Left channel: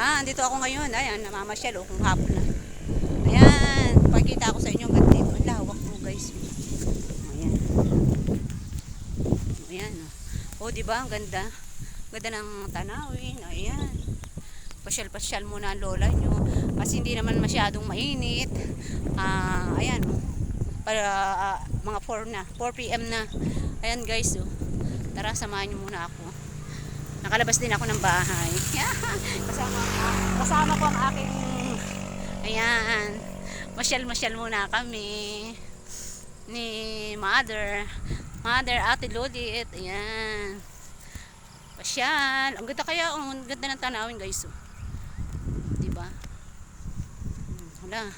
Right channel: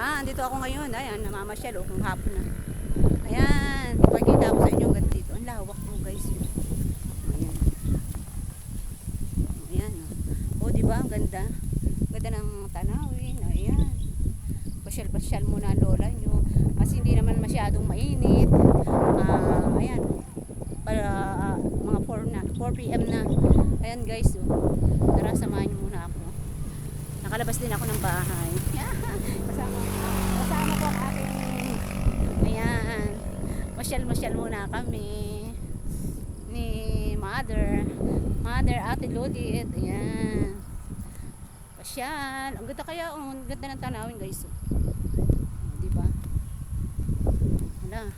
Andito ako ngayon. Ayan, namamasyal kung hapon na. Ayan, ipakita ko sa inyo ang ganda dito. Ang lawak mo guys. Ayan. Ayan. Di ba? Ang ganda. Ganda ng tanawin. Ayan. Pasyal-pasyal muna ang lola nyo. Kasi hindi naman masyadong mainit. Ayan. Para mga 4 na. 4 PM na. Ayan guys. Tara, samahan nyo muna ako. Nakalabas din ako ng bahay. Kasama ko ang aking ayan. Masyal muna kami ni Mother Ate Lodit. Ayan. Pasyal. Ang ganda kaya. Ang ganda ng tanawin guys. Diba? Hala.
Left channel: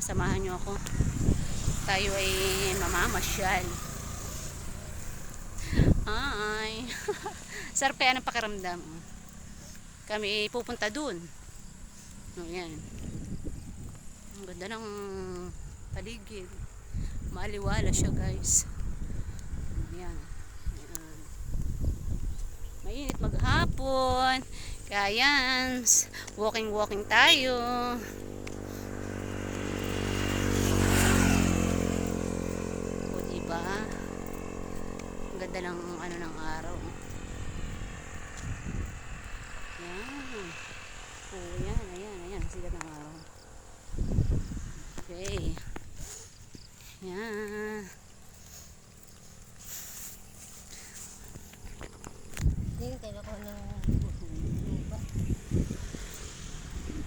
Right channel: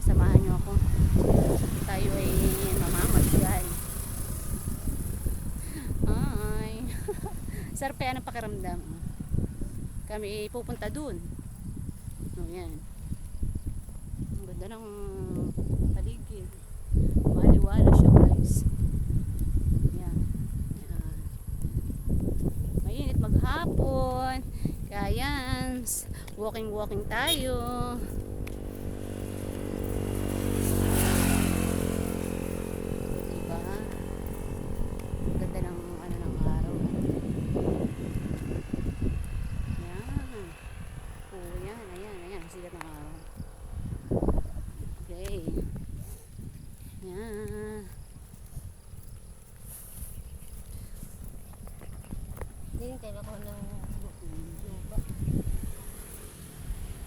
Samahan nyo ako. Tayo ay mamamasyal. Ay. Sarap kaya ng pakiramdam. Kami pupunta dun. Ayan. Ang ganda ng paligid. Maliwala siya guys. Ayan. Ayan. Mainit maghapon. Kaya yan. Walking tayo. Diba? Ang ganda ng ano ng araw. Ayan, sikat ng araw. Okay. Ayan. Yan, kaya ko ng lupa.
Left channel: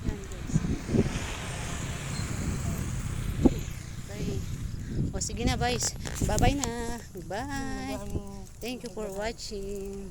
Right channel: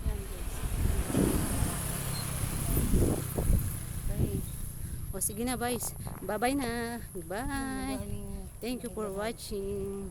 Ayan guys. Okay. Sige na guys. Bye bye na. Bye. Thank you for watching.